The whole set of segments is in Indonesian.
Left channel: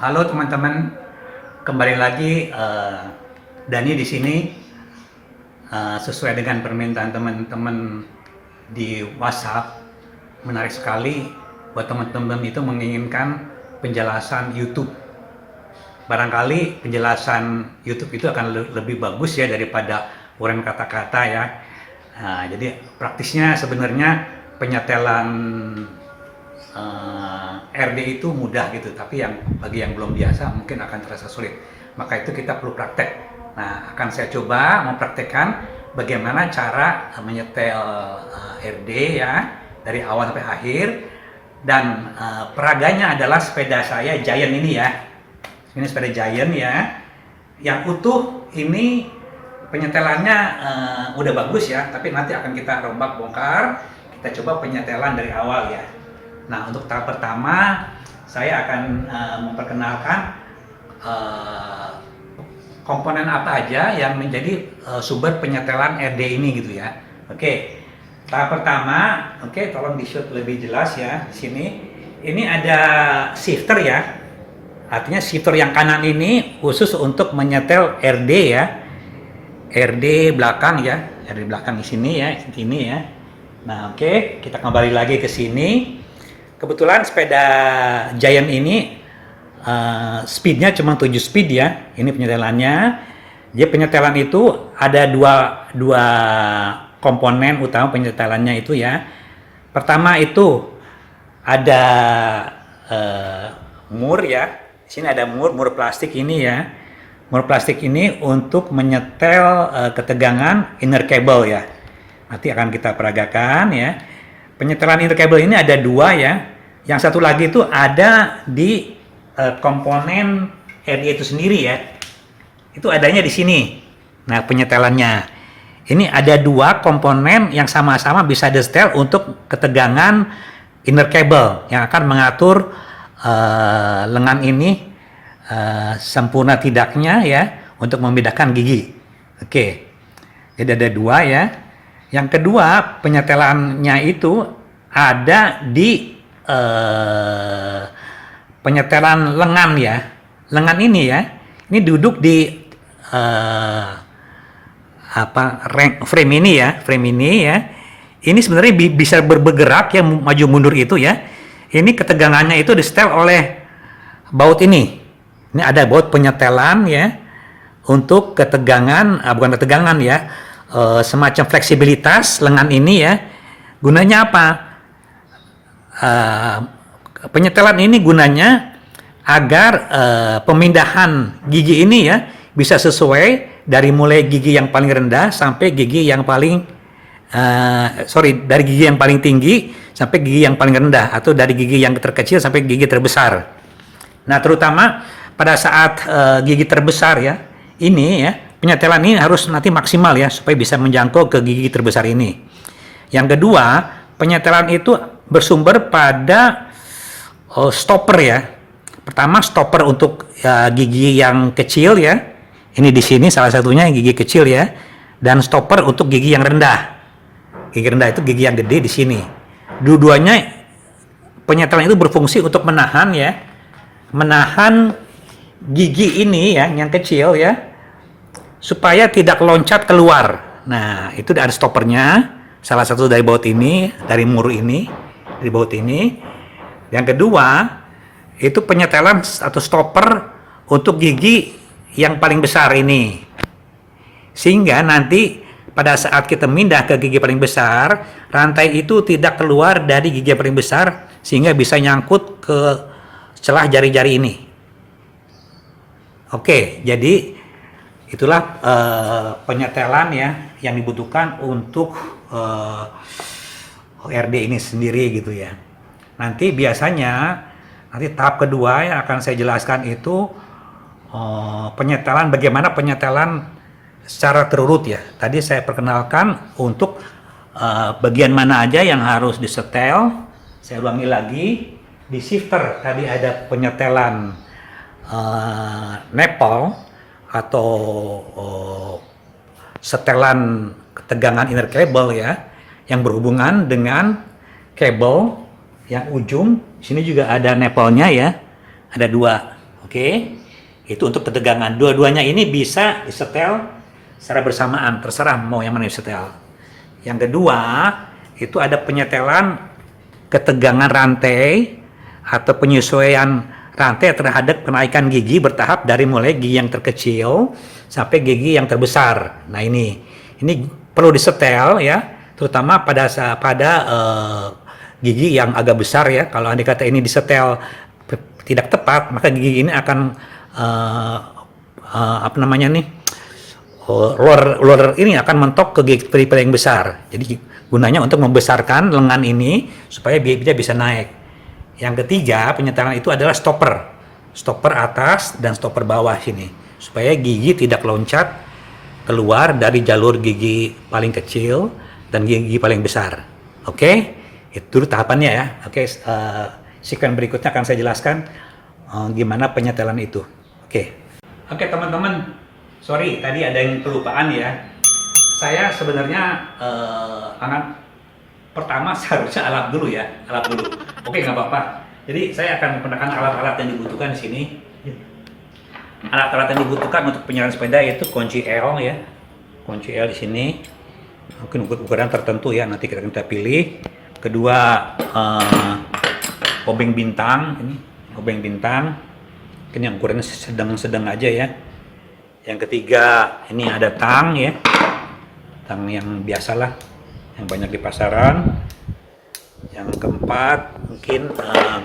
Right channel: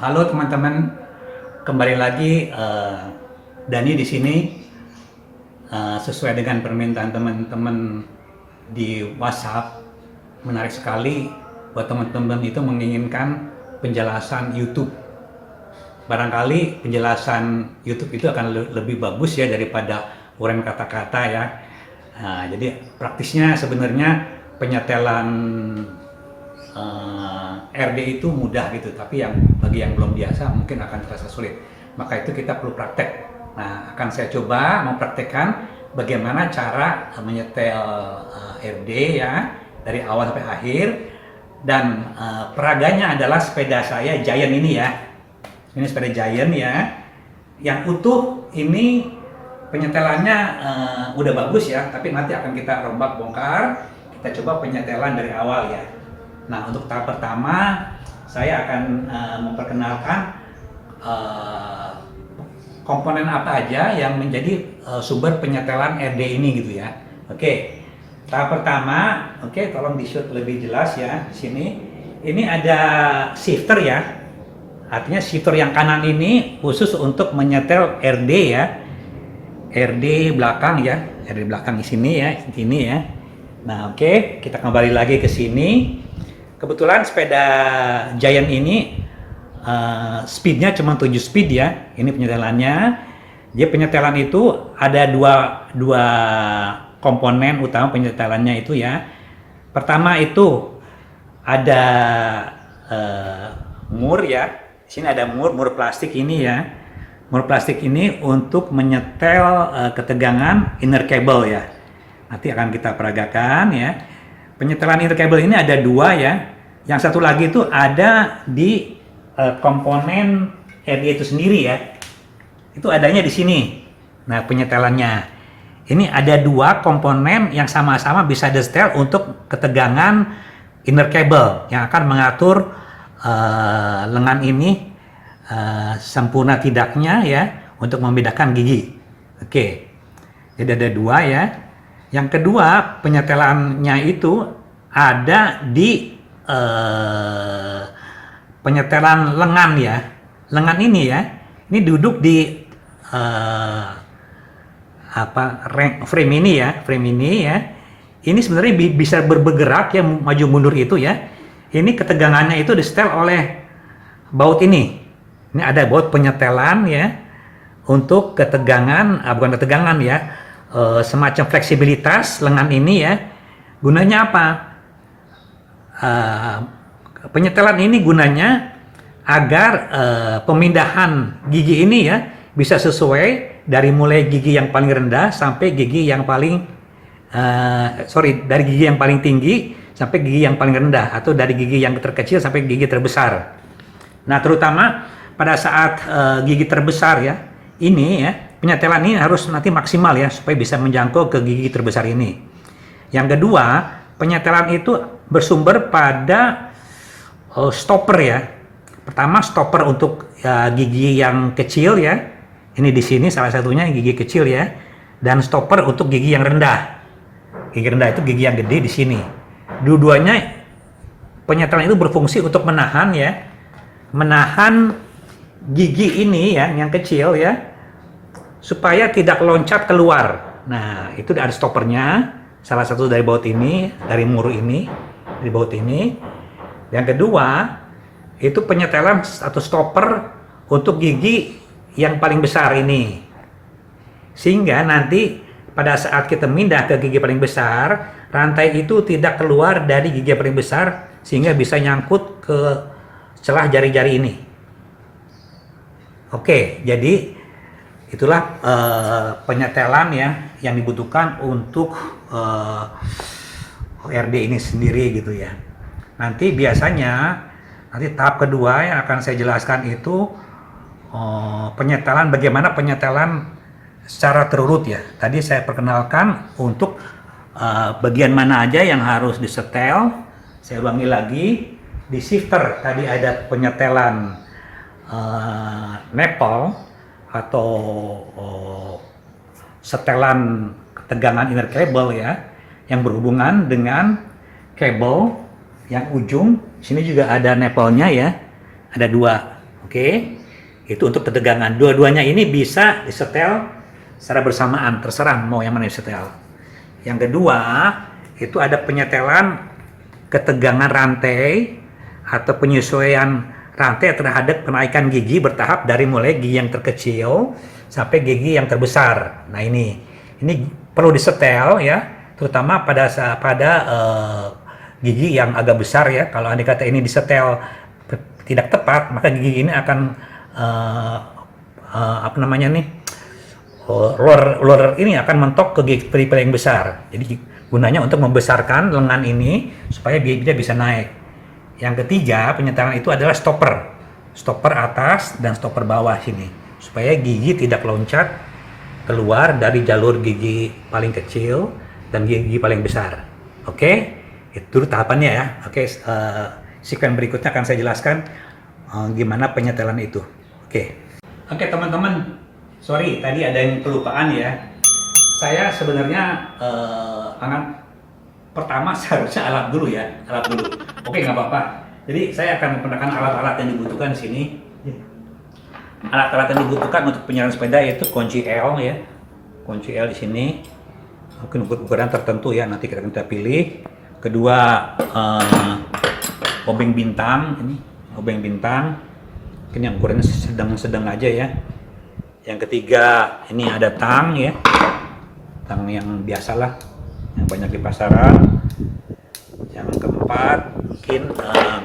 Halo teman-teman, kembali lagi Dani di sini. Sesuai dengan permintaan teman-teman di WhatsApp, menarik sekali buat teman-teman itu menginginkan penjelasan YouTube. Barangkali penjelasan YouTube itu akan lebih bagus ya daripada uraian kata-kata ya. Jadi praktisnya sebenarnya penyetelan RD itu mudah gitu, tapi bagi yang belum biasa mungkin akan terasa sulit. Maka itu kita perlu praktek. Nah, akan saya coba mempraktekkan bagaimana cara menyetel RD ya dari awal sampai akhir. Dan peraganya adalah sepeda saya Giant ini ya. Ini sepeda Giant ya. Yang utuh ini penyetelannya udah bagus ya, tapi nanti akan kita rombak bongkar. Kita coba penyetelan dari awal ya. Nah, untuk tahap pertama saya akan memperkenalkan komponen apa aja yang menjadi sumber penyetelan RD ini gitu ya. Oke. Tahap pertama, oke, tolong di-shoot lebih jelas ya di sini. Ini ada shifter ya. Artinya shifter yang kanan ini khusus untuk menyetel RD ya. RD belakang ya, RD belakang di sini ya, ini ya. Nah, oke, kita kembali lagi ke sini. Kebetulan sepeda Giant ini speednya cuma 7 speed ya. Ini penyetelannya. Jadi penyetelan itu ada dua komponen utama penyetelannya itu ya. Pertama itu ada mur ya. Di sini ada mur plastik ini ya. Mur plastik ini untuk menyetel ketegangan inner cable ya. Nanti akan kita peragakan ya. Penyetelan inner cable ini ada dua ya. Yang satu lagi itu ada di komponen RD itu sendiri ya. Itu adanya di sini. Nah, penyetelannya. Ini ada dua komponen yang sama-sama bisa disetel untuk ketegangan inner cable yang akan mengatur lengan ini sempurna tidaknya ya untuk membedakan gigi. Oke. Jadi ada dua ya. Yang kedua, penyetelannya itu ada di penyetelan lengan ya. Lengan ini ya, ini duduk di frame ini ya, Ini sebenarnya bisa bergerak ya, maju mundur itu ya. Ini ketegangannya itu disetel oleh baut ini. Ini ada baut penyetelan ya untuk ketegangan, bukan ketegangan ya. Semacam fleksibilitas lengan ini ya. Gunanya apa? Penyetelan ini gunanya agar pemindahan gigi ini ya bisa sesuai dari mulai gigi yang paling rendah sampai gigi yang paling dari gigi yang paling tinggi sampai gigi yang paling rendah, atau dari gigi yang terkecil sampai gigi terbesar. Nah, terutama pada saat gigi terbesar ya, ini ya, penyetelan ini harus nanti maksimal ya supaya bisa menjangkau ke gigi terbesar ini. Yang kedua, penyetelan itu bersumber pada stopper ya. Pertama, stopper untuk gigi yang kecil ya. Ini di sini salah satunya gigi kecil ya. Dan stopper untuk gigi yang rendah. Gigi rendah itu gigi yang gede di sini. Dua-duanya penyetelan itu berfungsi untuk menahan ya. Menahan gigi ini ya yang kecil ya, supaya tidak loncat keluar. Nah, itu ada stoppernya, salah satu dari baut ini, dari mur ini, dari baut ini. Yang kedua, itu penyetelan atau stopper untuk gigi yang paling besar ini. Sehingga nanti pada saat kita pindah ke gigi paling besar, rantai itu tidak keluar dari gigi paling besar sehingga bisa nyangkut ke celah jari-jari ini. Oke, jadi itulah penyetelan ya yang dibutuhkan untuk RD ini sendiri gitu ya. Nanti biasanya tahap kedua yang akan saya jelaskan itu penyetelan, bagaimana penyetelan secara terurut ya. Tadi saya perkenalkan untuk bagian mana aja yang harus disetel. Saya ulangi lagi, di shifter tadi ada penyetelan nepal atau setelan ketegangan inner cable ya, yang berhubungan dengan kabel yang ujung. Sini juga ada nepalnya ya, ada dua. Oke, itu untuk ketegangan. Dua-duanya ini bisa disetel secara bersamaan, terserah mau yang mana disetel. Yang kedua, itu ada penyetelan ketegangan rantai atau penyesuaian rantai terhadap kenaikan gigi bertahap dari mulai gigi yang terkecil sampai gigi yang terbesar. Nah ini perlu disetel ya, terutama gigi yang agak besar ya. Kalau andai kata ini disetel tidak tepat, maka gigi ini akan apa namanya nih, ular ini akan mentok ke gigi peripheral yang besar. Jadi gunanya untuk membesarkan lengan ini supaya giginya bisa naik. Yang ketiga penyetelan itu adalah stopper atas dan stopper bawah sini, supaya gigi tidak loncat keluar dari jalur gigi paling kecil dan gigi paling besar. Oke, itu tahapannya ya. Oke, sequence berikutnya akan saya jelaskan gimana penyetelan itu. Oke teman-teman, sorry tadi ada yang kelupaan ya. Saya sebenarnya pertama seharusnya alat dulu. Oke, nggak apa-apa. Jadi saya akan memperkenalkan alat-alat yang dibutuhkan di sini. Alat-alat yang dibutuhkan untuk penyalaran sepeda yaitu kunci L ya. Kunci L di sini. Mungkin ukuran tertentu ya, nanti kita pilih. Kedua obeng bintang, mungkin yang ukurannya sedang aja ya. Yang ketiga ini ada tang ya, tang yang biasalah, yang banyak di pasaran. Yang keempat mungkin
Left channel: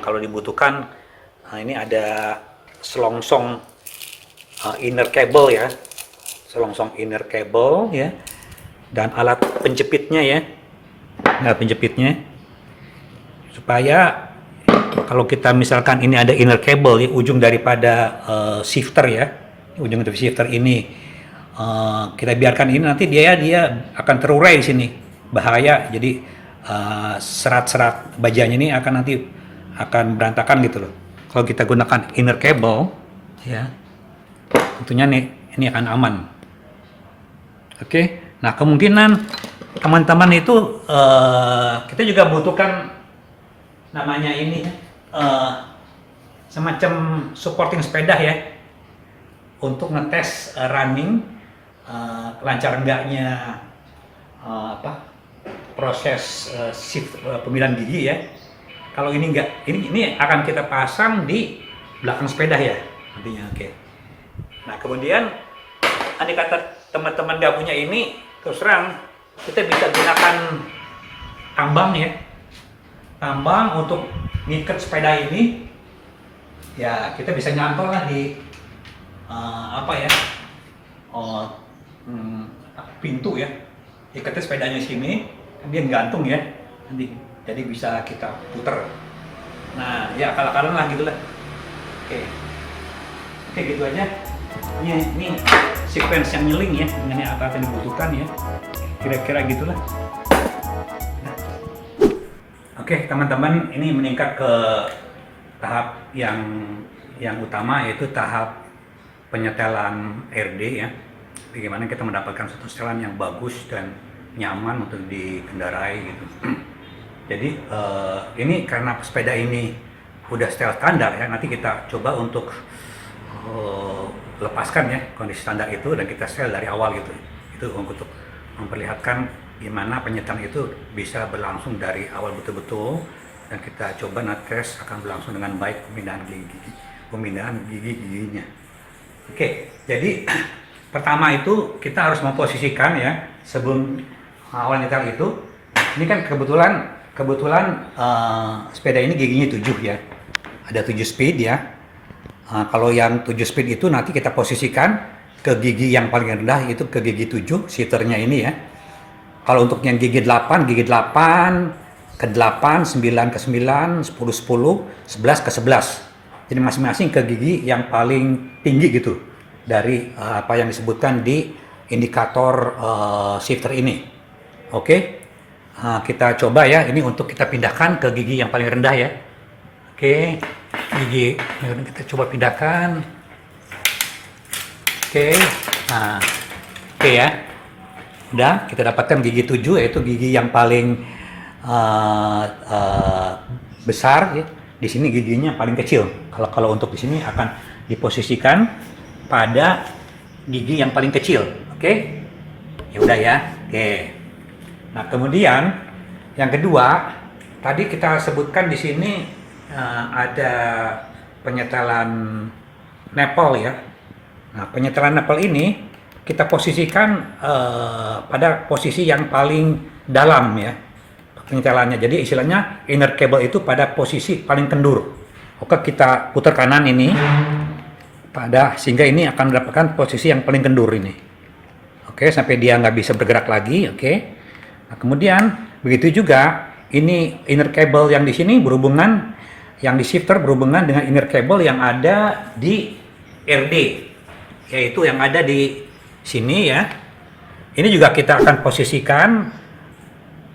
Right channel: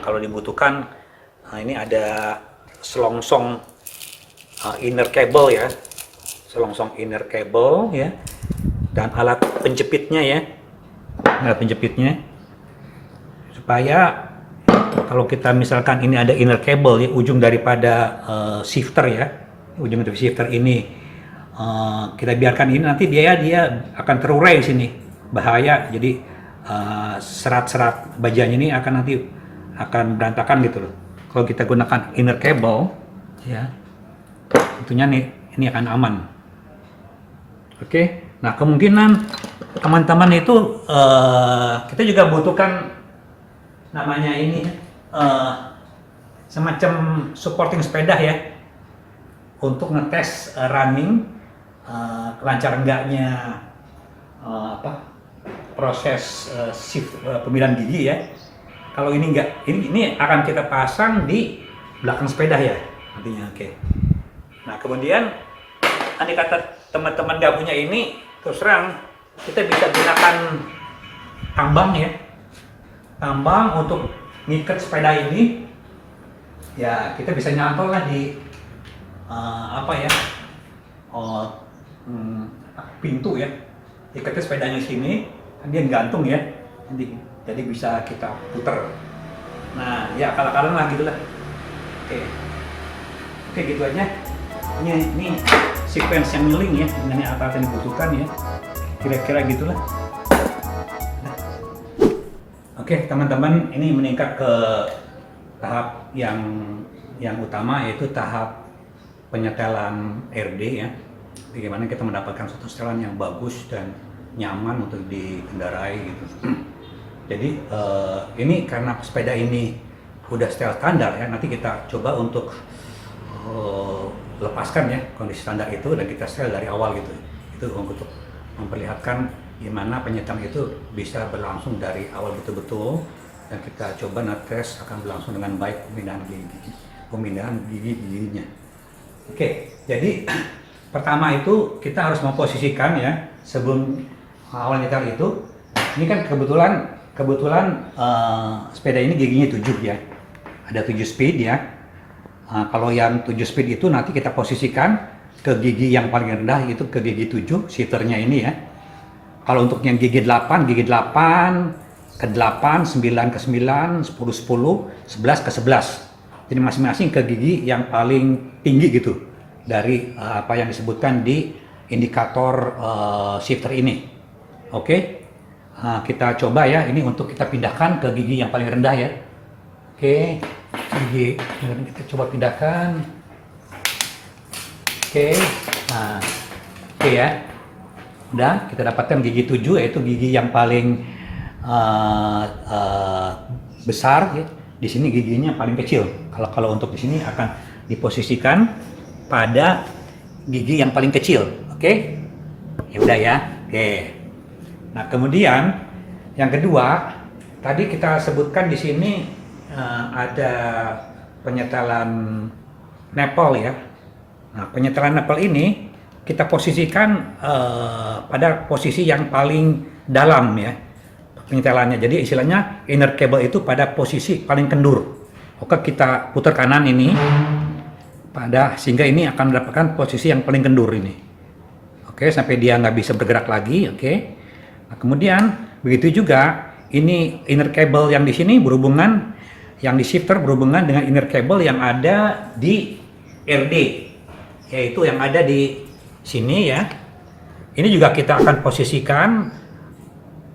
kalau dibutuhkan, ini ada selongsong inner cable ya, dan alat penjepitnya ya, supaya kalau kita misalkan ini ada inner cable ya, ujung daripada shifter ya, ujung dari shifter ini kita biarkan ini, nanti dia akan terurai di sini, bahaya. Jadi serat-serat bajanya ini akan berantakan gitu loh. Kalau kita gunakan inner cable ya, tentunya ini akan aman. Oke. Nah, kemungkinan teman-teman itu kita juga butuhkan namanya ini semacam supporting sepeda ya, untuk ngetes running lancar enggaknya proses shift pemilihan gigi ya. Kalau ini enggak, ini akan kita pasang di belakang sepeda ya nantinya. Oke. Nah, kemudian andai kata teman-teman nggak punya ini, terus terang kita bisa gunakan tambang ya, tambang untuk ngikat sepeda ini ya. Kita bisa nyantol lah di pintu ya, ikatnya sepedanya sini, kan dia gantung ya nanti, jadi bisa kita puter. Nah ya, akal-akalan lah gitulah. Oke, gitu aja. Ini sequence yang nyeling ya, mengenai apa yang dibutuhkan ya, kira-kira gitulah. Oke teman-teman, ini meningkat ke tahap yang utama, yaitu tahap penyetelan RD ya. Bagaimana kita mendapatkan satu setelan yang bagus dan nyaman untuk dikendarai gitu. Jadi ini karena sepeda ini udah setel standar ya, nanti kita coba untuk lepaskan ya kondisi standar itu dan kita setel dari awal gitu. Itu untuk memperlihatkan gimana penyetelan itu bisa berlangsung dari awal betul-betul, dan kita coba ngetes akan berlangsung dengan baik pemindahan gigi-giginya. Oke, jadi pertama itu kita harus memposisikan ya, sebelum awal nyetel itu. Ini kan kebetulan sepeda ini giginya 7 ya, ada 7 speed ya. Kalau yang 7 speed itu nanti kita posisikan ke gigi yang paling rendah, itu ke gigi 7 shifternya ini ya. Kalau untuk yang gigi 8 ke 8, 9 ke 9, 10, 11 ke 11. Jadi masing-masing ke gigi yang paling tinggi gitu dari apa yang disebutkan di indikator shifter ini. Oke. Kita coba ya, ini untuk kita pindahkan ke gigi yang paling rendah ya. Oke, gigi kita coba pindahkan. Oke. Nah, oke ya. Udah, kita dapatkan gigi 7, yaitu gigi yang paling besar ya. Di sini giginya paling kecil. Kalau untuk di sini akan diposisikan pada gigi yang paling kecil. Oke? Ya udah ya. Oke. Nah, kemudian yang kedua, tadi kita sebutkan di sini ada penyetelan nipple ya. Nah, penyetelan nipple ini kita posisikan pada posisi yang paling dalam ya, penyetelannya. Jadi istilahnya inner cable itu pada posisi paling kendur. Oke, kita putar kanan ini sehingga ini akan mendapatkan posisi yang paling kendur ini. Oke, sampai dia nggak bisa bergerak lagi. Oke. Nah, kemudian begitu juga ini inner cable yang di sini berhubungan, yang di shifter berhubungan dengan inner cable yang ada di RD, yaitu yang ada di sini ya. Ini juga kita akan posisikan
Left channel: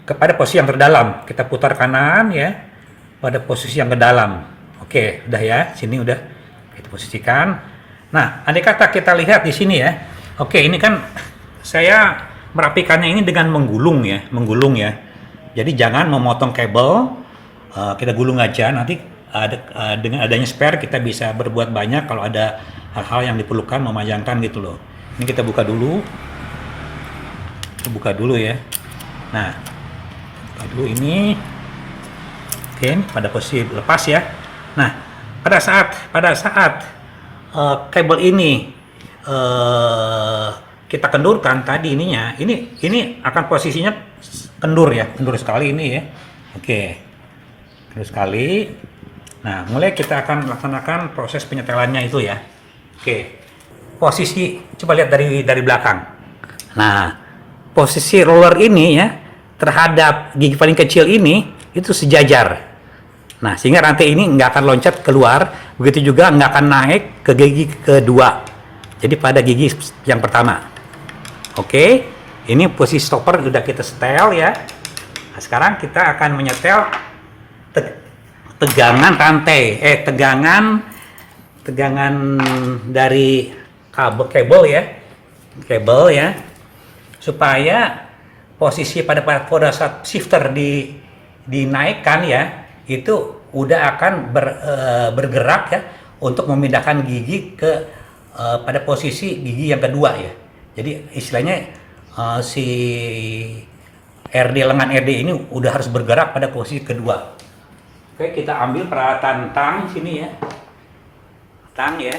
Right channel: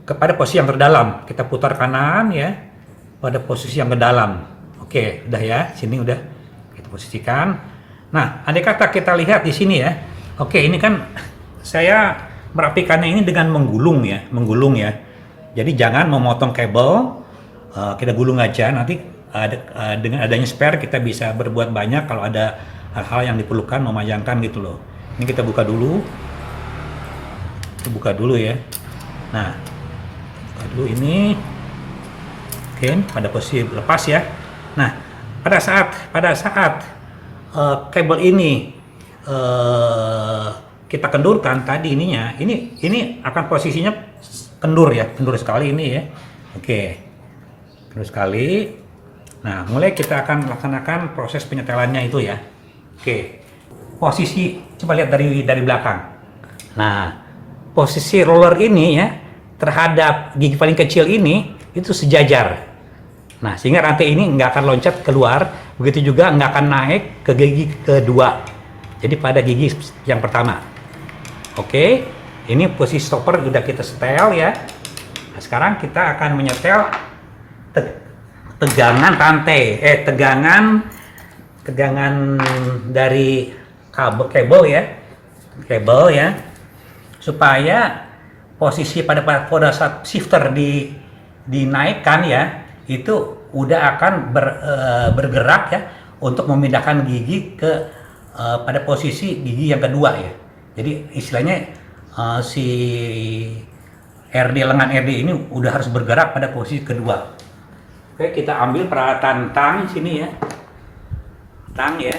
kepada posisi yang terdalam. Kita putar kanan ya, pada posisi yang terdalam. Oke, udah ya, sini udah kita posisikan. Nah, andai kata kita lihat di sini ya. Oke, ini kan saya merapikannya ini dengan menggulung ya. Jadi jangan memotong kabel, kita gulung aja. Nanti dengan adanya spare kita bisa berbuat banyak kalau ada hal-hal yang diperlukan memanjangkan gitu loh. Ini kita buka dulu. Kita buka dulu ya. Nah, buka dulu ini. Oke, pada posisi lepas ya. Nah, pada saat kabel ini kita kendurkan tadi ininya, ini akan posisinya kendur ya, kendur sekali ini ya. Oke, kendur sekali. Nah, mulai kita akan laksanakan proses penyetelannya itu ya. Oke, posisi coba lihat dari belakang. Nah, posisi roller ini ya terhadap gigi paling kecil ini itu sejajar. Nah, sehingga rantai ini nggak akan loncat keluar, begitu juga nggak akan naik ke gigi kedua. Jadi pada gigi yang pertama. Oke, ini posisi stopper udah kita setel ya. Nah, sekarang kita akan menyetel tegangan rantai, tegangan dari kabel ya, supaya posisi pada saat shifter dinaikkan ya, itu udah akan bergerak ya untuk memindahkan gigi ke pada posisi gigi yang kedua ya. Jadi istilahnya si lengan RD ini udah harus bergerak pada posisi kedua. Oke, kita ambil peralatan tang sini ya. Tang ya.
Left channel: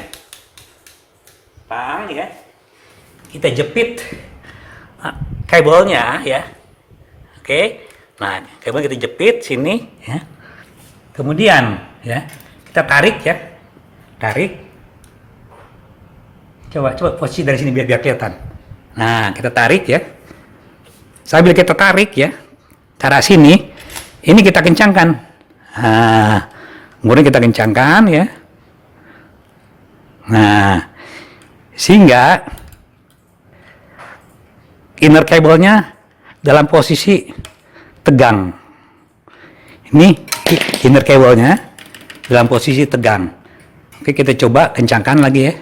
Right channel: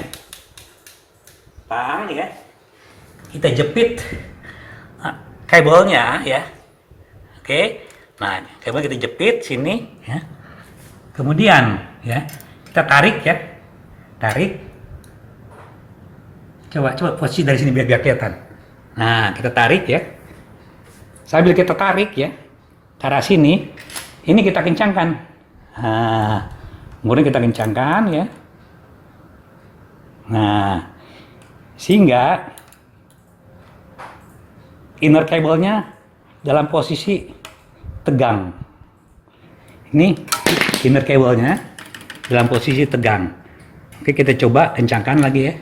Kita jepit kabelnya ya. Oke. Nah, kabel kita jepit sini ya. Kemudian ya, kita tarik ya. Coba posisi dari sini biar kelihatan. Nah, kita tarik ya. Sambil kita tarik ya, cara sini, ini kita kencangkan. Nah, kemudian kita kencangkan ya. Nah, sehingga inner cable-nya dalam posisi tegang. Ini inner cable-nya dalam posisi tegang. Oke, kita coba kencangkan lagi ya.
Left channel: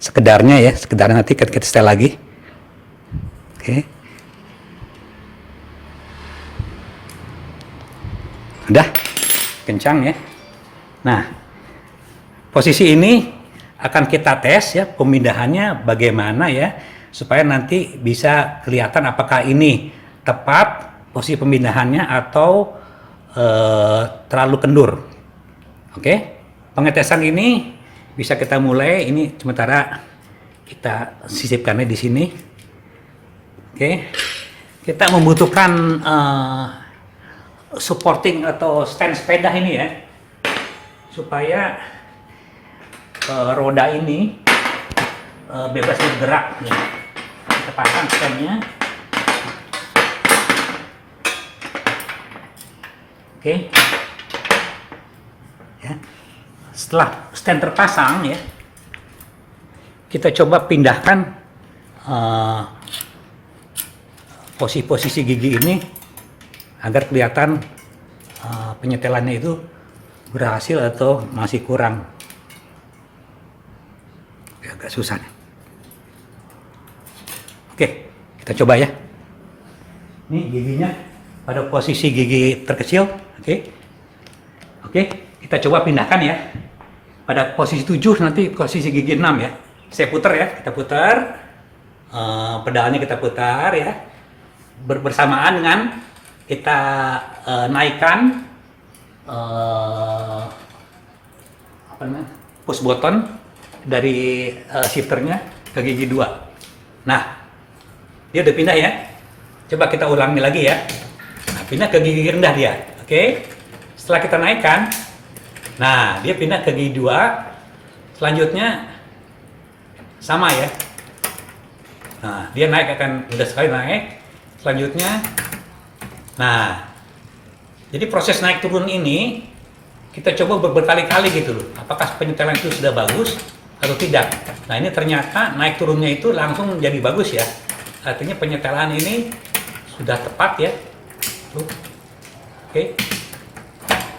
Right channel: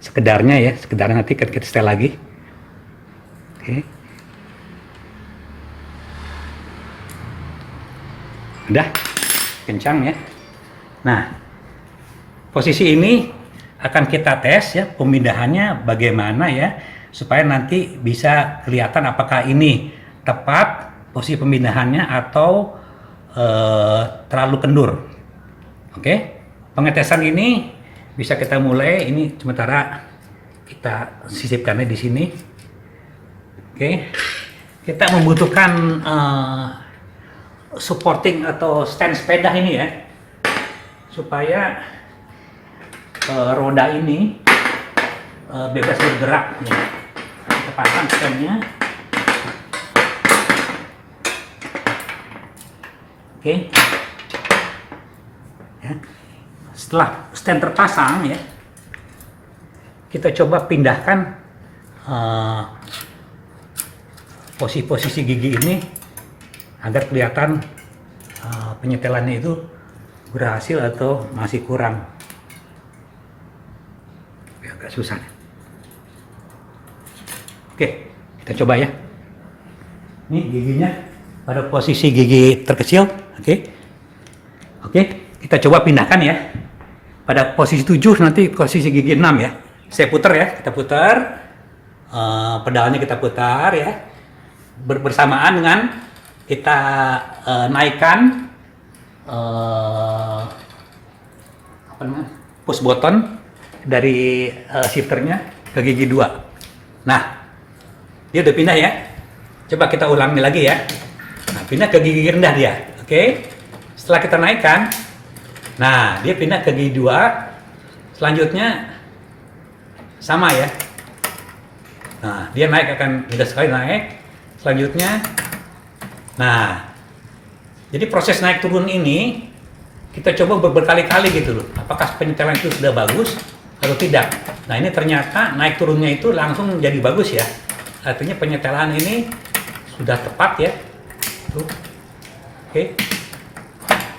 Sekedarnya nanti kita setel lagi. Oke. Udah kencang ya. Nah, posisi ini akan kita tes ya pemindahannya bagaimana ya, supaya nanti bisa kelihatan apakah ini tepat posisi pemindahannya atau terlalu kendur. Oke, pengetesan ini bisa kita mulai. Ini sementara kita sisipkannya di sini. Oke, kita membutuhkan supporting atau stand sepeda ini ya, supaya roda ini bebas bergerak ya. Kita pasang standnya. Oke. Ya. Setelah stand terpasang ya, kita coba pindahkan posisi gigi ini agar kelihatan penyetelannya itu berhasil atau masih kurang. Agak susah nih. Oke, kita coba ya. Ini giginya pada posisi gigi terkecil. Oke. Kita coba pindahkan ya. Pada posisi 7 nanti posisi gigi 6 ya. Saya putar ya, kita putar. Pedalnya kita putar ya. Bersamaan dengan kita naikkan apa namanya? Push button dari shifternya ke gigi 2. Nah, dia udah pindah ya. Coba kita ulangi lagi ya. Nah, pindah ke gigi rendah dia. Oke. Setelah kita naikkan, nah, dia pindah ke gigi 2. Selanjutnya sama ya. Nah, dia naik akan mudah sekali naik. Selanjutnya, nah, jadi proses naik turun ini kita coba berkali-kali gitu loh. Apakah penyetelan itu sudah bagus atau tidak? Nah, ini ternyata naik turunnya itu langsung menjadi bagus ya. Artinya penyetelan ini sudah tepat ya. Tuh. Oke.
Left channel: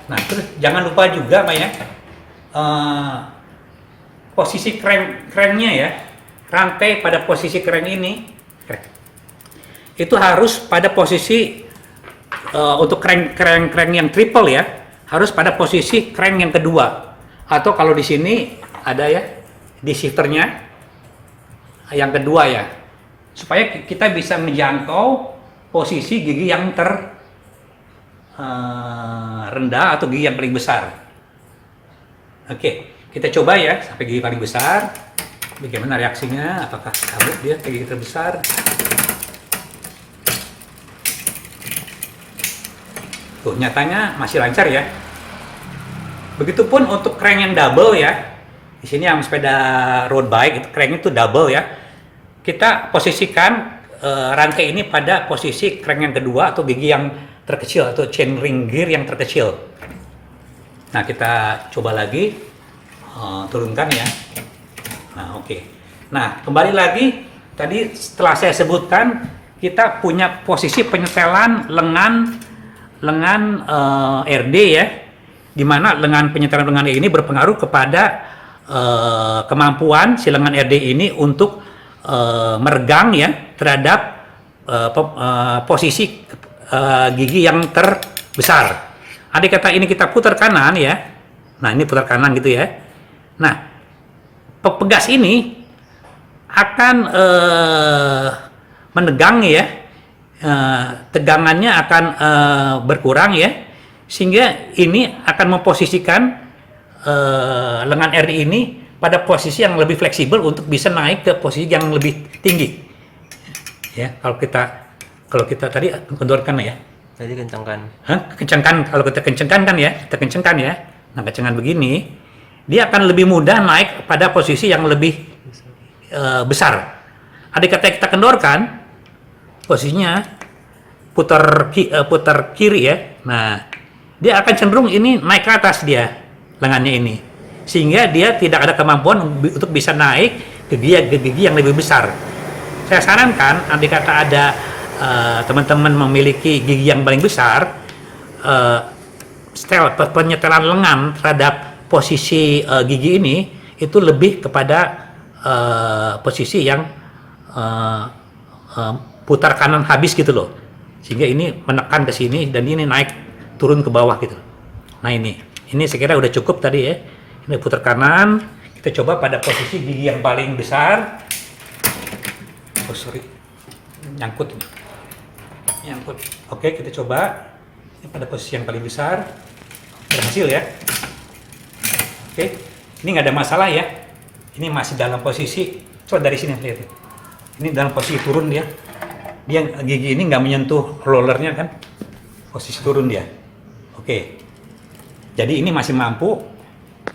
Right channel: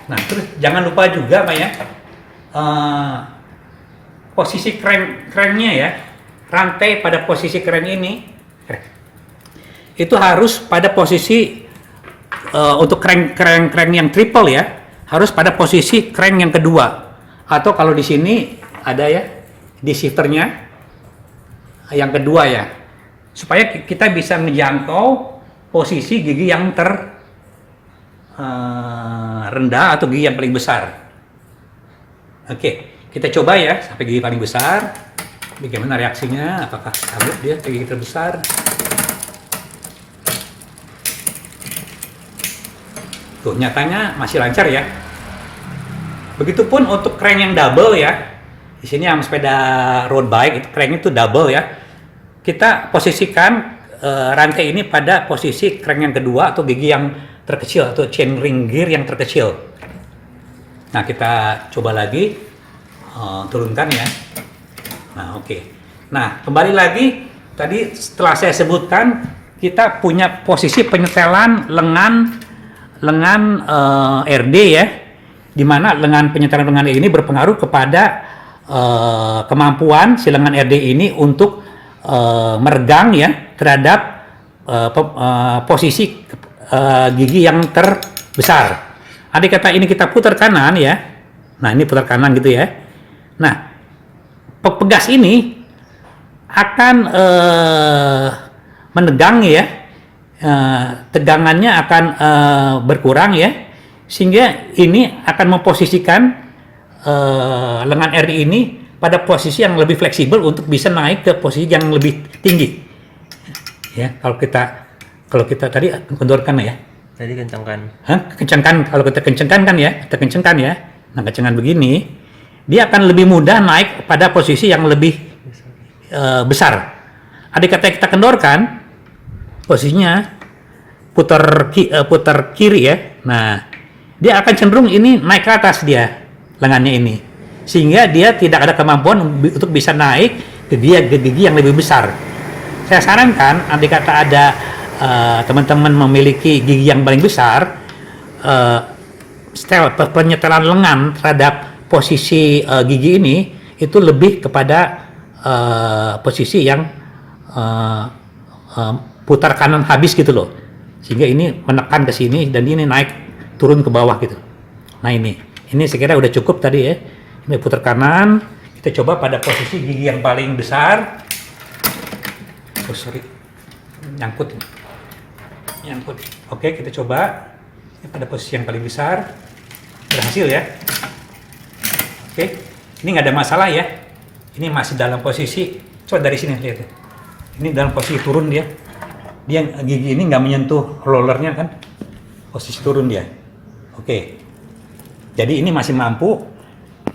Nah, terus jangan lupa juga Pak ya, posisi cranknya ya, rantai pada posisi crank ini itu harus pada posisi untuk crank yang triple ya, harus pada posisi crank yang kedua, atau kalau di sini ada ya di shifternya yang kedua ya, supaya kita bisa menjangkau posisi gigi yang rendah atau gigi yang paling besar. Oke, kita coba ya sampai gigi paling besar. Bagaimana reaksinya? Apakah kabur dia ke gigi terbesar? Tuh, nyatanya masih lancar ya. Begitupun untuk crank yang double ya. Di sini yang sepeda road bike itu cranknya itu double ya. Kita posisikan rantai ini pada posisi crank yang kedua atau gigi yang terkecil atau chain ring gear yang terkecil. Nah, kita coba lagi turunkan ya. Nah, oke. Nah, kembali lagi tadi setelah saya sebutkan kita punya posisi penyetelan lengan RD ya, di mana penyetelan lengan ini berpengaruh kepada kemampuan si lengan RD ini untuk meregang ya terhadap posisi gigi yang terbesar. Andai kata ini kita putar kanan ya, nah ini putar kanan gitu ya. Nah, pegas ini akan menegang ya, tegangannya akan berkurang ya, sehingga ini akan memposisikan lengan RD ini pada posisi yang lebih fleksibel untuk bisa naik ke posisi yang lebih tinggi. Ya, kalau kita tadi kendorkan ya. Tadi kencangkan. Kencangkan, kalau kita kencangkan kan ya, kita kencangkan ya. Nah, kencangkan begini, dia akan lebih mudah naik pada posisi yang lebih besar. Andai kata kita kendorkan, posisinya putar kiri ya. Nah, dia akan cenderung ini naik ke atas dia lengannya ini, sehingga dia tidak ada kemampuan untuk bisa naik ke gigi yang lebih besar. Saya sarankan, andai kata ada teman-teman memiliki gigi yang paling besar, penyetelan lengan terhadap posisi gigi ini itu lebih kepada posisi yang putar kanan habis gitu loh, sehingga ini menekan ke sini dan ini naik turun ke bawah gitu. Nah, ini sekira udah cukup tadi ya. Ini putar kanan, kita coba pada posisi gigi yang paling besar. Oh sorry, nyangkut. Oke, kita coba pada posisi yang paling besar. Berhasil ya. Oke, ini nggak ada masalah ya. Ini masih dalam posisi, coba dari sini lihat ya. Ini dalam posisi turun dia. Dia gigi ini nggak menyentuh rollernya kan. Posisi turun dia. Oke. Jadi ini masih mampu.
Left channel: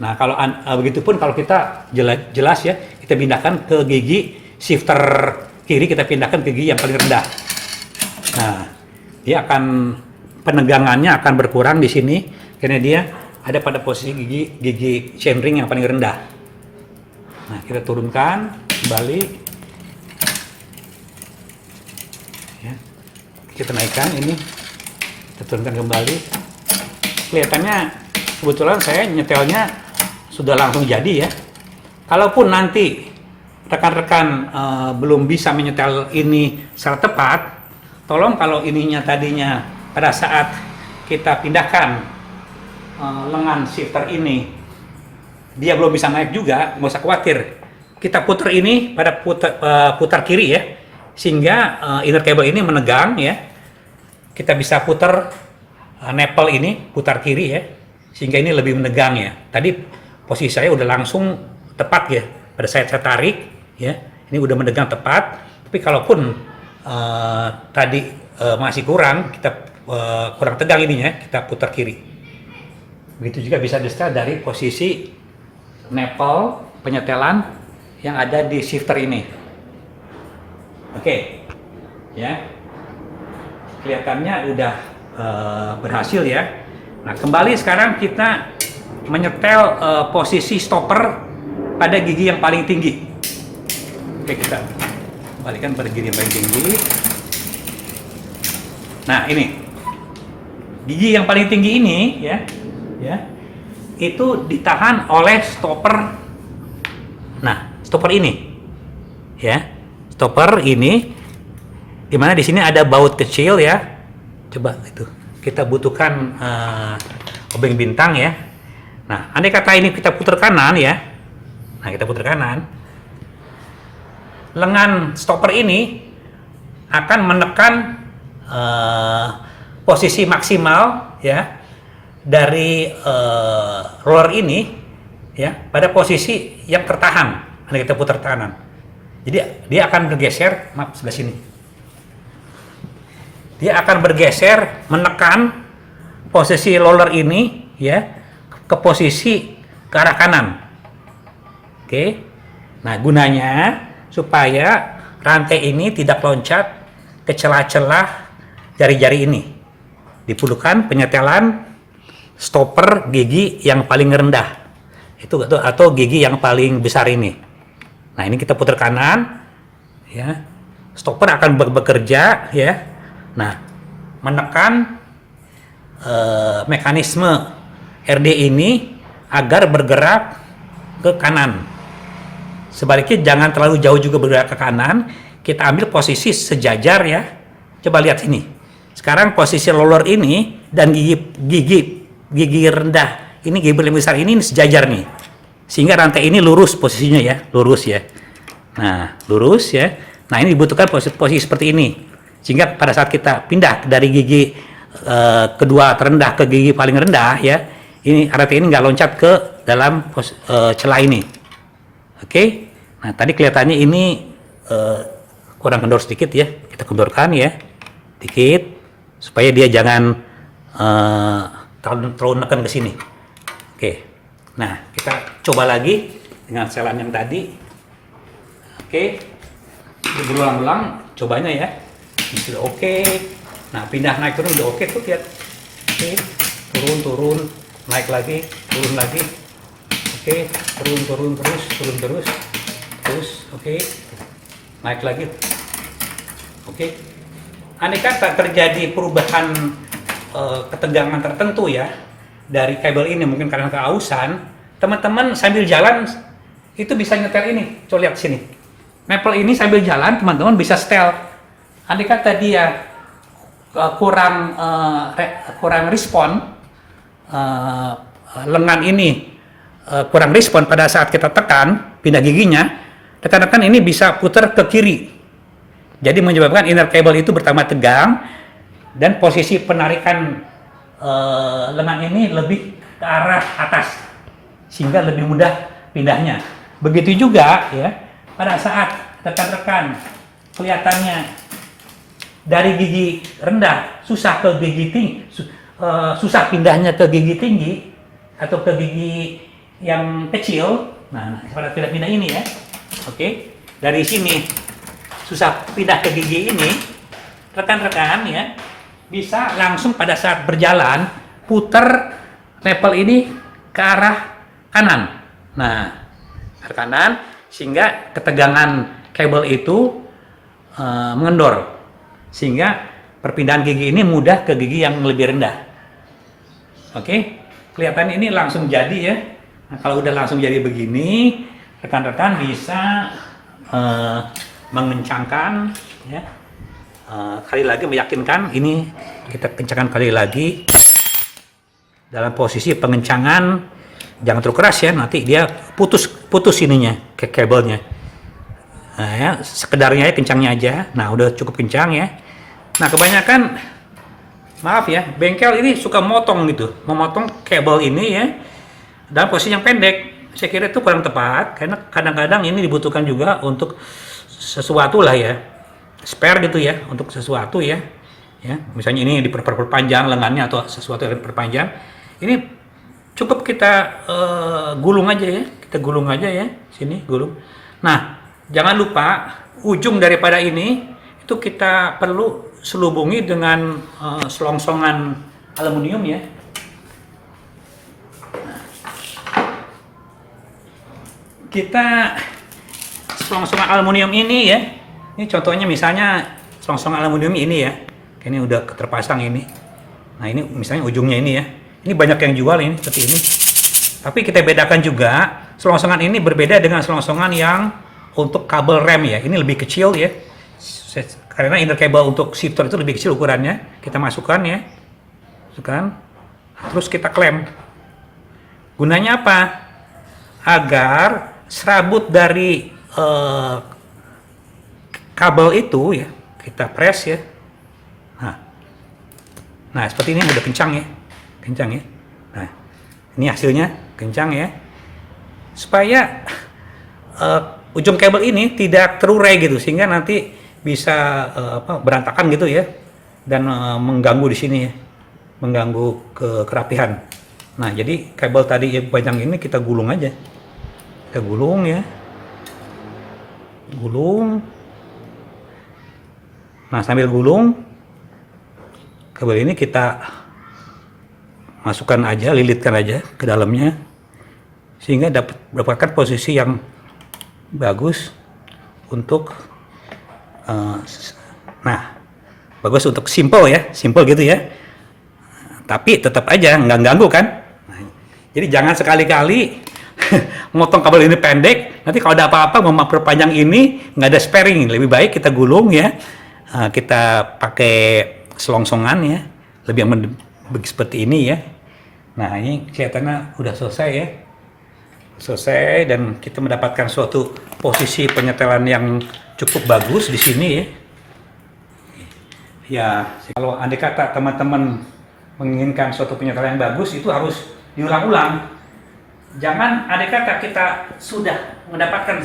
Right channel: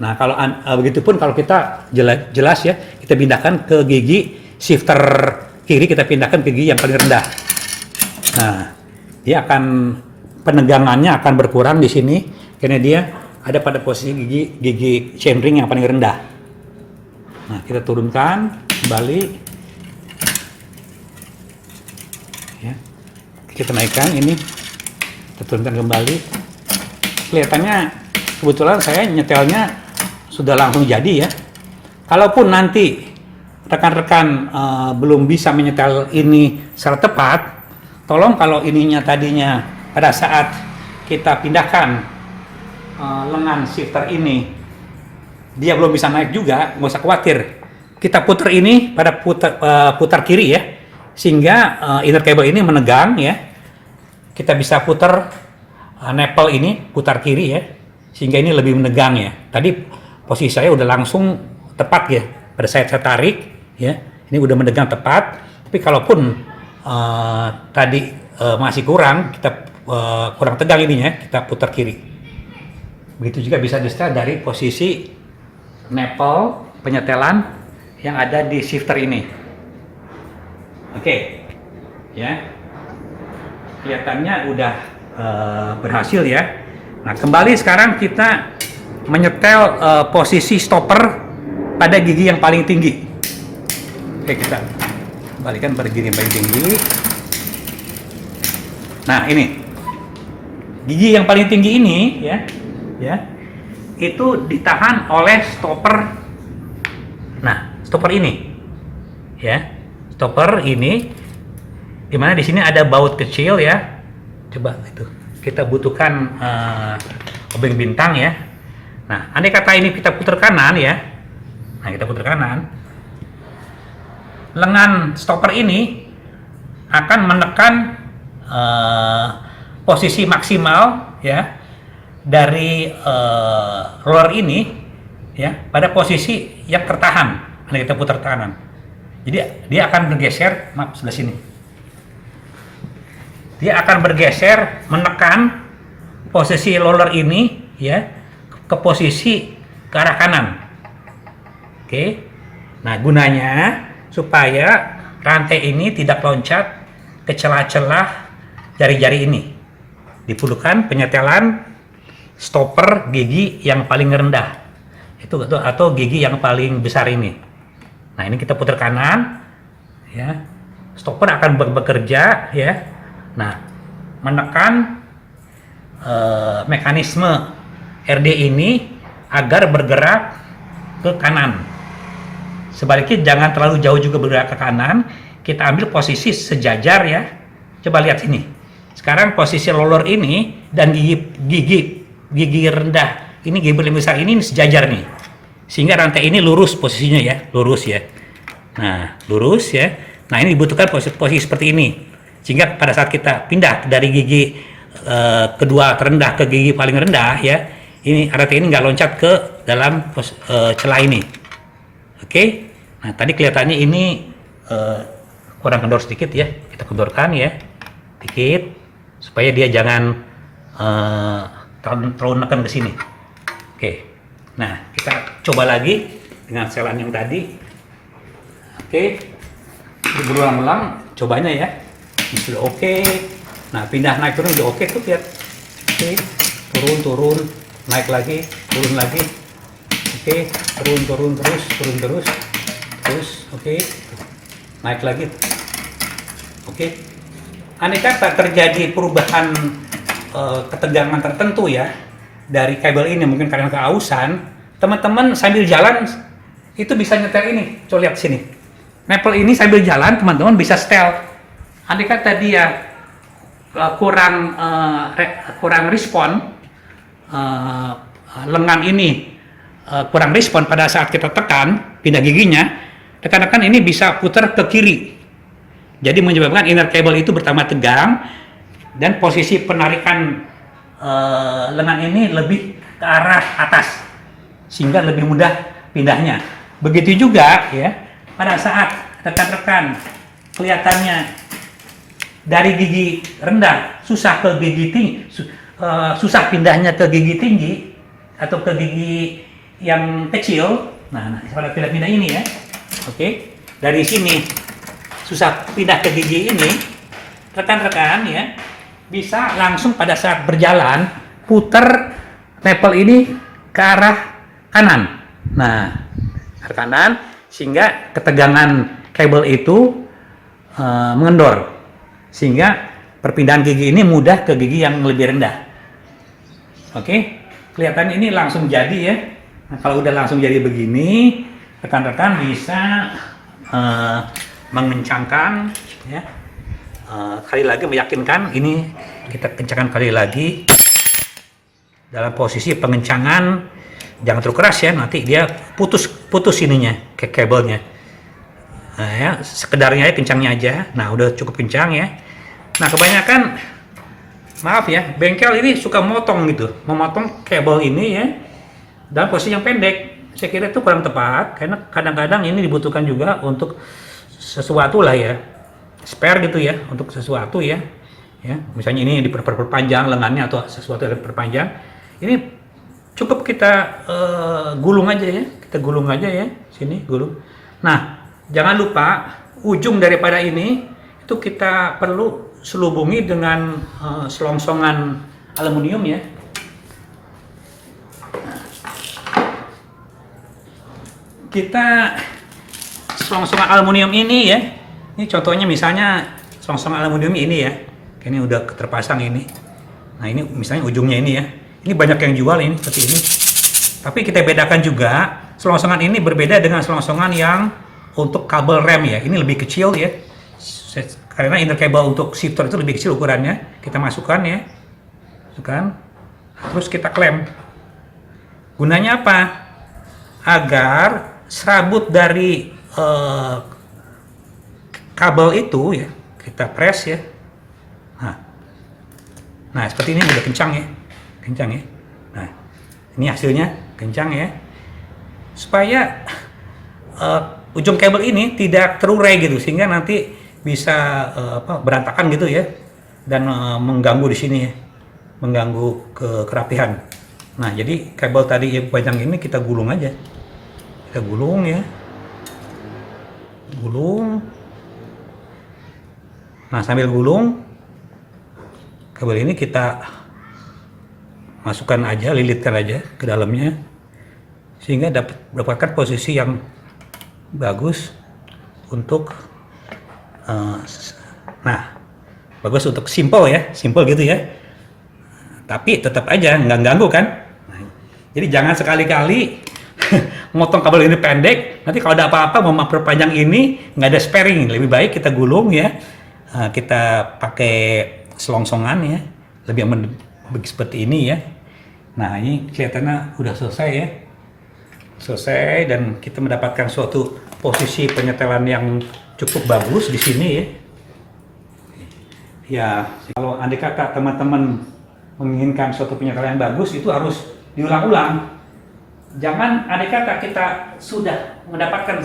Nah, kalau begitupun kalau kita jelas ya, kita pindahkan ke gigi shifter kiri, kita pindahkan ke gigi yang paling rendah. Nah, dia penegangannya akan berkurang di sini karena dia ada pada posisi gigi chain ring yang paling rendah. Nah, kita turunkan kembali. Ya. Kita naikkan ini. Kita turunkan kembali. Kelihatannya kebetulan saya nyetelnya sudah langsung jadi ya. Kalaupun nanti rekan-rekan belum bisa menyetel ini secara tepat, tolong kalau ininya tadinya pada saat kita pindahkan lengan shifter ini dia belum bisa naik juga, nggak usah khawatir. Kita putar ini pada putar kiri ya, sehingga inner cable ini menegang ya. Kita bisa putar nipple ini putar kiri ya, sehingga ini lebih menegang ya. Tadi posisi saya udah langsung tepat ya, pada saya tarik ya, ini udah menegang tepat. Tapi kalaupun tadi masih kurang, kita kurang tegang ininya, kita putar kiri. Begitu juga bisa di setel dari posisi nipple penyetelan yang ada di shifter ini. Oke, ya, kelihatannya udah berhasil ya. Nah, kembali sekarang kita menyetel posisi stopper pada gigi yang paling tinggi. Oke, kita kembalikan pada gigi yang paling tinggi. Nah, ini gigi yang paling tinggi ini ya, itu ditahan oleh stopper. Nah, stopper ini, ya, stopper ini, dimana di sini ada baut kecil ya. Coba itu, kita butuhkan obeng bintang ya. Nah, andai kata ini kita putar kanan ya. Nah, kita putar kanan. Lengan stopper ini akan menekan posisi maksimal ya dari roller ini ya pada posisi yang tertahan. Andai kita putar kanan. Jadi dia akan bergeser, maaf sebelah sini. Dia akan bergeser menekan posisi roller ini ya ke posisi ke arah kanan. Oke. Nah, gunanya supaya rantai ini tidak loncat ke celah-celah jari-jari ini. Diperlukan penyetelan stopper gigi yang paling rendah. Itu atau gigi yang paling besar ini. Nah, ini kita putar kanan ya. Stopper akan bekerja ya. Nah, menekan mekanisme RD ini agar bergerak ke kanan. Sebaliknya jangan terlalu jauh juga bergerak ke kanan. Kita ambil posisi sejajar ya. Coba lihat sini. Sekarang posisi roller ini dan gigi rendah ini, gigi yang besar ini sejajar nih. Sehingga rantai ini lurus posisinya ya, lurus ya. Nah, lurus ya. Nah, ini dibutuhkan posisi seperti ini. Sehingga pada saat kita pindah dari gigi kedua terendah ke gigi paling rendah ya, ini rantai ini nggak loncat ke dalam celah ini. Oke. Nah, tadi kelihatannya ini kurang kendor sedikit ya. Kita kendorkan ya, dikit supaya dia jangan terlalu nekan ke sini. Oke. Nah, kita coba lagi dengan setelan yang tadi. Oke. Berulang-ulang cobanya ya. Ini sudah oke. Nah, pindah naik turun udah oke tuh lihat. Oke. Turun, naik lagi, turun lagi. Oke, turun terus. Oke. Naik lagi. Oke. Andai kata terjadi perubahan ketegangan tertentu ya dari kabel ini, mungkin karena keausan, teman-teman sambil jalan itu bisa nyetel ini. Coba lihat sini. Nipple ini sambil jalan teman-teman bisa setel. Andai kata dia kurang respon, lengan ini kurang respon pada saat kita tekan pindah giginya, rekan-rekan ini bisa putar ke kiri. Jadi menyebabkan inner cable itu bertambah tegang dan posisi penarikan lengan ini lebih ke arah atas sehingga lebih mudah pindahnya. Begitu juga ya pada saat rekan-rekan kelihatannya dari gigi rendah susah ke gigi tinggi, susah pindahnya ke gigi tinggi atau ke gigi yang kecil. Nah, pada pindah-pindah ini ya. Oke. Dari sini susah pindah ke gigi ini, rekan-rekan ya bisa langsung pada saat berjalan putar nipple ini ke arah kanan. Nah, ke kanan sehingga ketegangan kabel itu mengendor sehingga perpindahan gigi ini mudah ke gigi yang lebih rendah. Oke, kelihatan ini langsung jadi ya. Nah, kalau udah langsung jadi begini, rekan-rekan bisa mengencangkan ya. Kali lagi meyakinkan ini kita kencangkan kali lagi. dalam posisi pengencangan jangan terlalu keras ya, nanti dia putus ininya ke kabelnya. Nah ya, sekedarnya ya, kencangnya aja. Nah udah cukup kencang ya. Nah kebanyakan, maaf ya, bengkel ini suka memotong kabel ini ya dalam posisi yang pendek. Saya kira itu kurang tepat, karena kadang-kadang ini dibutuhkan juga untuk sesuatu lah ya, spare gitu ya, untuk sesuatu ya. Misalnya ini diperpanjang lengannya atau sesuatu yang diperpanjang. Ini cukup kita gulung aja ya, sini gulung. Nah, jangan lupa ujung daripada ini itu kita perlu selubungi dengan selongsongan aluminium ya. Kita selongsongan aluminium ini ya. Ini contohnya misalnya selongsongan aluminium ini ya. Ini udah terpasang ini. Nah, ini misalnya ujungnya ini ya. Ini banyak yang jual ini seperti ini. Tapi kita bedakan juga, selongsongan ini berbeda dengan selongsongan yang untuk kabel rem ya. Ini lebih kecil ya. Karena inner kabel untuk shifter itu lebih kecil ukurannya. Kita masukkan ya. Terus kita klem. Gunanya apa? Agar serabut dari kabel itu ya, kita press ya. Nah seperti ini udah kencang ya. Nah, ini hasilnya kencang ya. Supaya ujung kabel ini tidak terurai gitu, sehingga nanti bisa berantakan gitu ya, dan mengganggu di sini ya, mengganggu kerapihan. Nah jadi kabel tadi yang panjang ini kita gulung aja, ya, gulung. Nah sambil gulung, kabel ini kita masukkan aja, lilitkan aja ke dalamnya, sehingga dapatkan posisi yang bagus untuk bagus untuk simple gitu ya. Tapi tetap aja nggak ganggu kan. Nah, jadi jangan sekali-kali motong kabel ini pendek, nanti kalau ada apa-apa mau perpanjang ini nggak ada sparing. Lebih baik kita gulung ya, kita pakai selongsongan ya, lebih aman seperti ini ya. Nah ini kelihatannya udah selesai ya, dan kita mendapatkan suatu posisi penyetelan yang cukup bagus di sini ya. Ya kalau andai kata teman-teman menginginkan suatu penyetelan yang bagus, itu harus diulang-ulang. Jangan andai kata kita sudah mendapatkan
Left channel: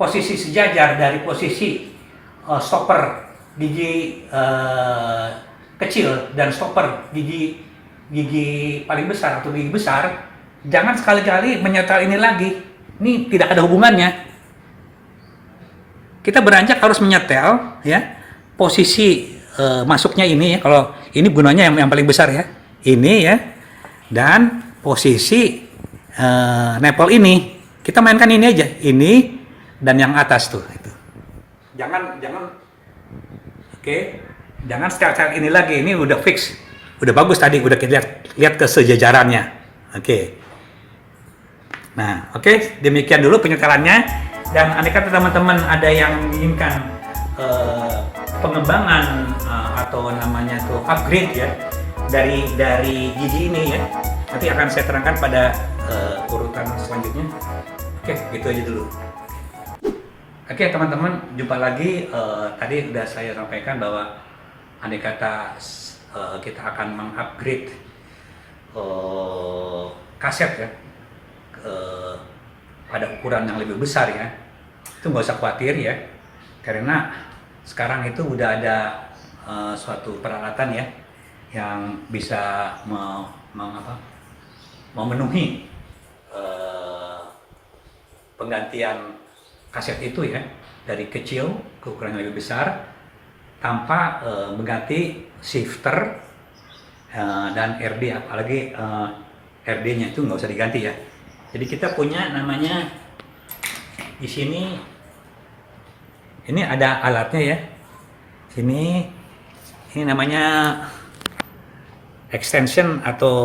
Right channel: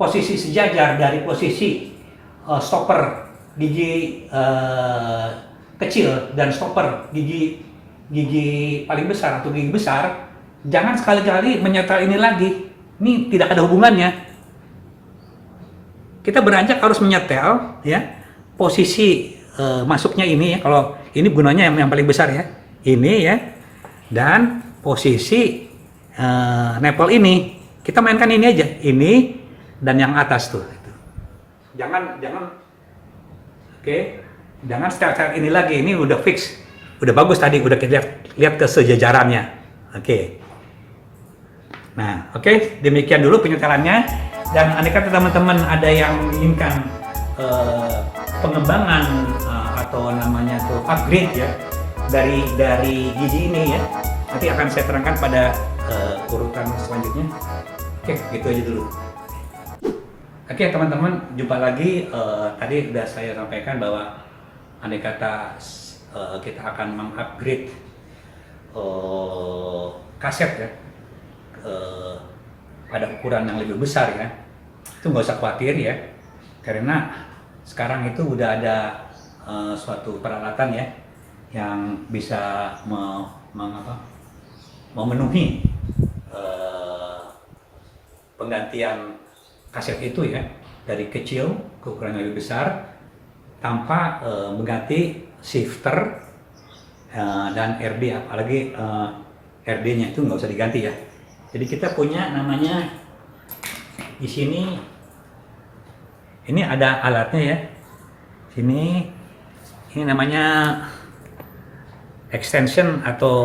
posisi sejajar dari posisi stopper gigi kecil dan stopper gigi paling besar atau gigi besar, jangan sekali-kali menyetel ini lagi. Ini tidak ada hubungannya. Kita beranjak harus menyetel ya posisi masuknya ini ya. Kalau ini gunanya yang paling besar ya, ini ya, dan posisi nepel ini kita mainkan ini aja, ini dan yang atas tuh itu. Jangan jangan style ini lagi. Ini udah fix, udah bagus tadi, udah kita lihat kesejajarannya. Nah, demikian dulu penyetelannya. Dan andai kata teman-teman ada yang menginginkan pengembangan atau namanya tuh upgrade ya dari gigi ini ya, nanti akan saya terangkan pada urutan selanjutnya. Gitu aja dulu. Teman-teman, jumpa lagi. Tadi sudah saya sampaikan bahwa andai kata kita akan mengupgrade kaset ya pada ukuran yang lebih besar ya, itu nggak usah khawatir ya, karena sekarang itu udah ada suatu peralatan ya yang bisa memenuhi penggantian kaset itu ya, dari kecil ke ukuran yang lebih besar tanpa mengganti shifter dan RD, apalagi RD-nya itu nggak usah diganti ya. Jadi kita punya namanya di sini, ini ada alatnya ya. Ini namanya extension atau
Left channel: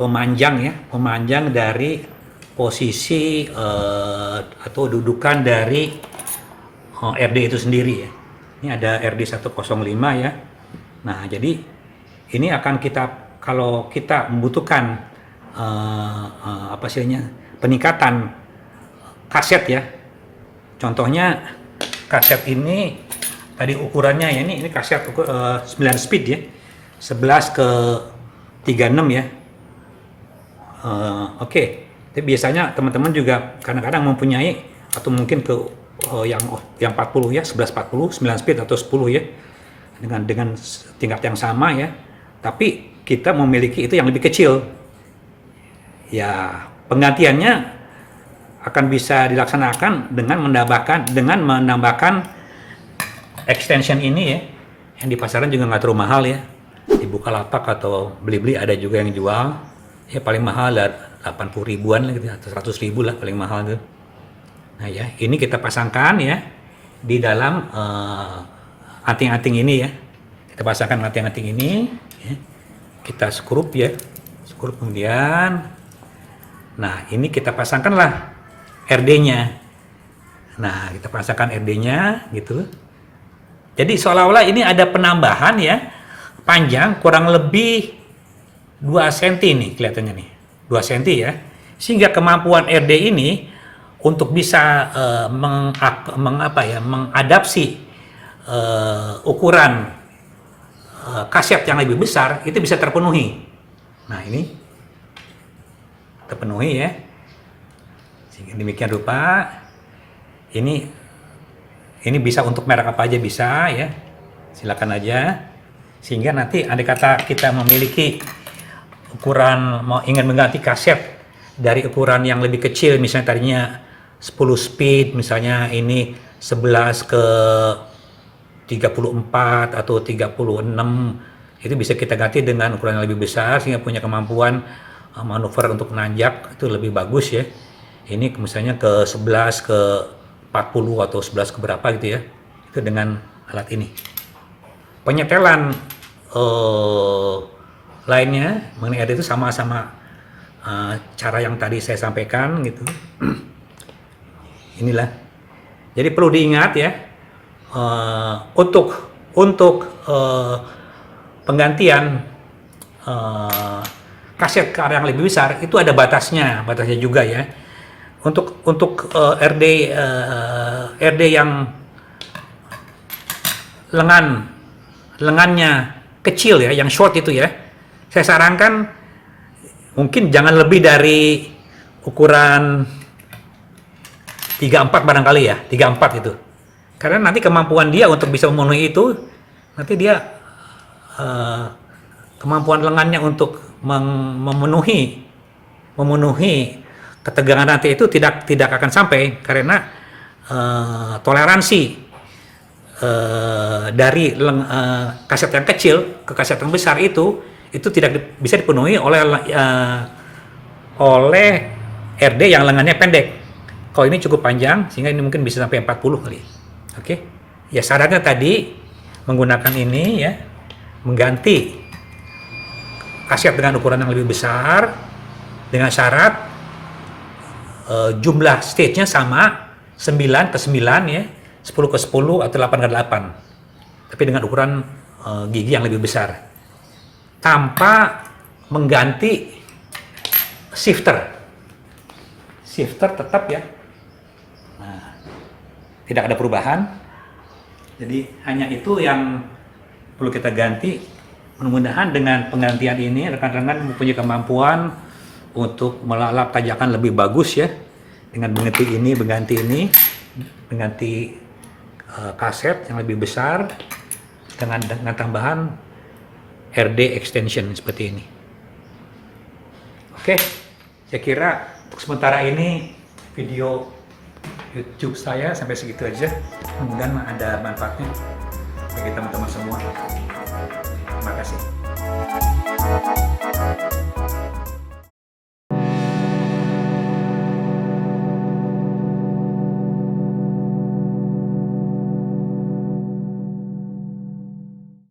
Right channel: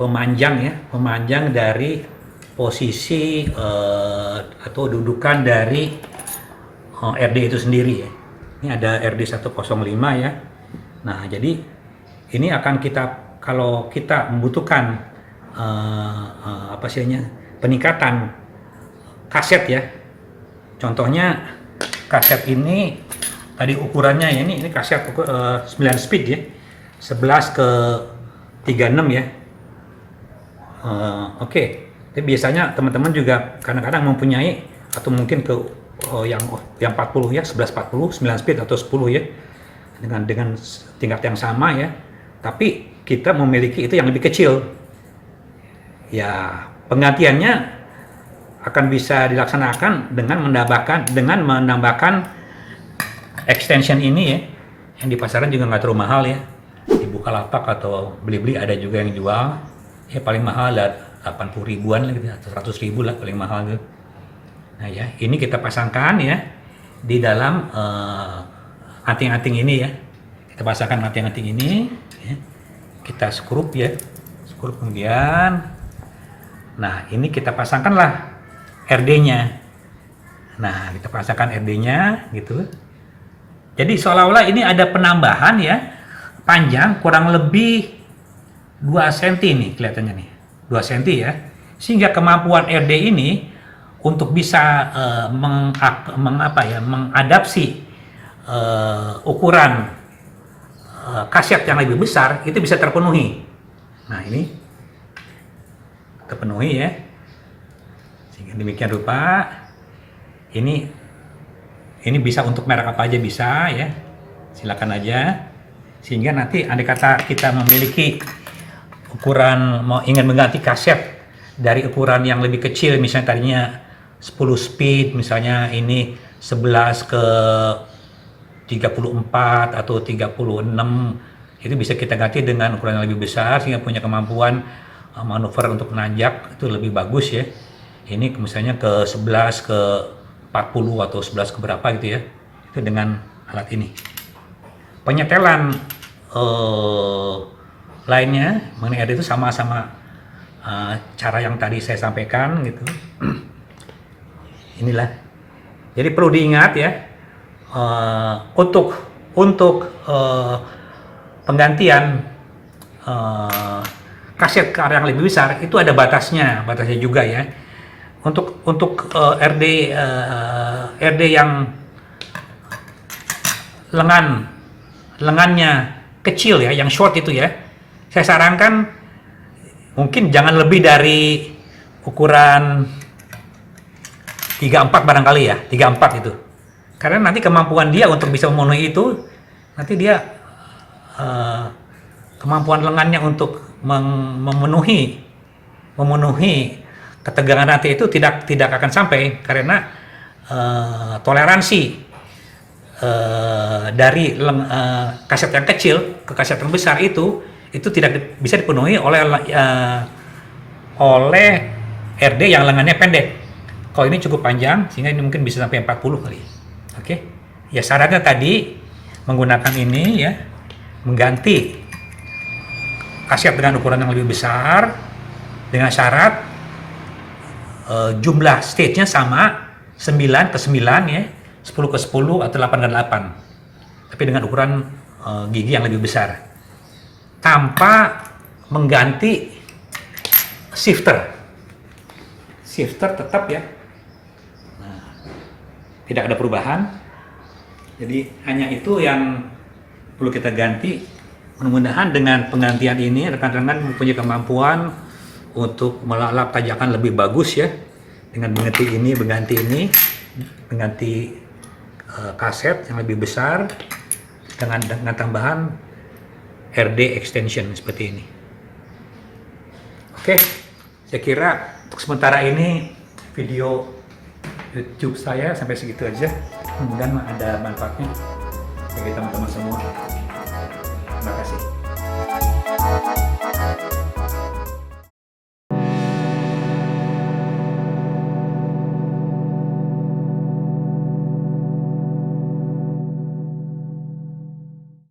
pemanjang ya, pemanjang dari posisi atau dudukan dari RD itu sendiri ya. Ini ada RD 105 ya. Nah, jadi ini akan kita kalau kita membutuhkan apa istilahnya, peningkatan kaset ya. Contohnya kaset ini tadi ukurannya ya, ini kaset 9 speed ya, 11 ke 36 ya. Oke. Tapi biasanya teman-teman juga kadang-kadang mempunyai atau mungkin ke yang 40 ya, 1140, 9 speed atau 10 ya. Dengan tingkat yang sama ya. Tapi kita memiliki itu yang lebih kecil. Ya, penggantiannya akan bisa dilaksanakan dengan menambahkan extension ini ya. Yang di pasaran juga nggak terlalu mahal ya. Di Bukalapak atau Blibli ada juga yang jual. Ya paling mahal lah 80 ribuan gitu, atau 100 ribu lah paling mahal gitu. Nah ya, ini kita pasangkan ya di dalam anting-anting ini ya. Kita pasangkan anting-anting ini ya. Kita skrup ya, skrup kemudian. Nah ini kita pasangkanlah RD-nya. Nah kita pasangkan RD-nya gitu. Jadi seolah-olah ini ada penambahan ya, panjang kurang lebih 2 cm nih kelihatannya nih, 2 cm ya. Sehingga kemampuan RD ini untuk bisa mengadaptasi ukuran kaset yang lebih besar itu bisa terpenuhi. Nah ini terpenuhi ya. Sehingga demikian rupa ini bisa untuk merek apa aja bisa ya. Silakan aja. Sehingga nanti andai kata kita memiliki ukuran ingin mengganti kaset dari ukuran yang lebih kecil, misalnya tadinya 10 speed, misalnya ini 11 ke 34 atau 36, itu bisa kita ganti dengan ukuran yang lebih besar sehingga punya kemampuan manuver untuk nanjak itu lebih bagus ya. Ini misalnya ke 11 ke 40 atau 11 ke berapa gitu ya, itu dengan alat ini. Penyetelan lainnya mengenai itu sama-sama cara yang tadi saya sampaikan gitu. Inilah. Jadi perlu diingat ya, untuk penggantian kaset ke area yang lebih besar itu ada batasnya juga ya. Untuk RD yang lengannya kecil ya, yang short itu ya, saya sarankan mungkin jangan lebih dari ukuran 34 barangkali ya, 34 itu. Karena nanti kemampuan dia untuk bisa memenuhi itu, nanti dia kemampuan lengannya untuk memenuhi ketegangan nanti itu tidak akan sampai, karena toleransi dari kaset yang kecil ke kaset yang besar itu tidak bisa dipenuhi oleh RD yang lengannya pendek. Kalau ini cukup panjang sehingga ini mungkin bisa sampai 40 kali. Oke. Ya syaratnya tadi menggunakan ini ya, mengganti kaset dengan ukuran yang lebih besar dengan syarat jumlah stage-nya sama 9 ke 9 ya, 10 ke 10 atau 8 ke 8. Tapi dengan ukuran gigi yang lebih besar. Tanpa mengganti shifter. Shifter tetap ya. Nah, tidak ada perubahan. Jadi hanya itu yang perlu kita ganti. Mudah-mudahan dengan penggantian ini rekan-rekan mempunyai kemampuan untuk melalap tajakan lebih bagus ya. Dengan mengganti kaset yang lebih besar dengan tambahan RD extension seperti ini. Oke, saya kira untuk sementara ini video YouTube saya sampai segitu aja. Mudah-mudahan ada manfaatnya bagi teman-teman semua. Terima kasih.